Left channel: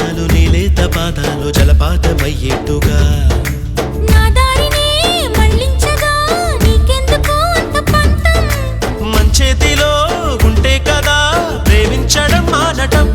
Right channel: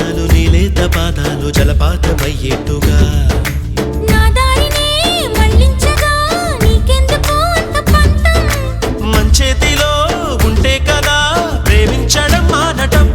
నిమిషాలు నీలేత పాదాలు జలపాతమయ్యేట్టుగా నా దారినే మళ్ళించగా నీకెందుకు అంత పంతం మంచేతిలో ఉంటే కదా ప్రేమించడం మానటం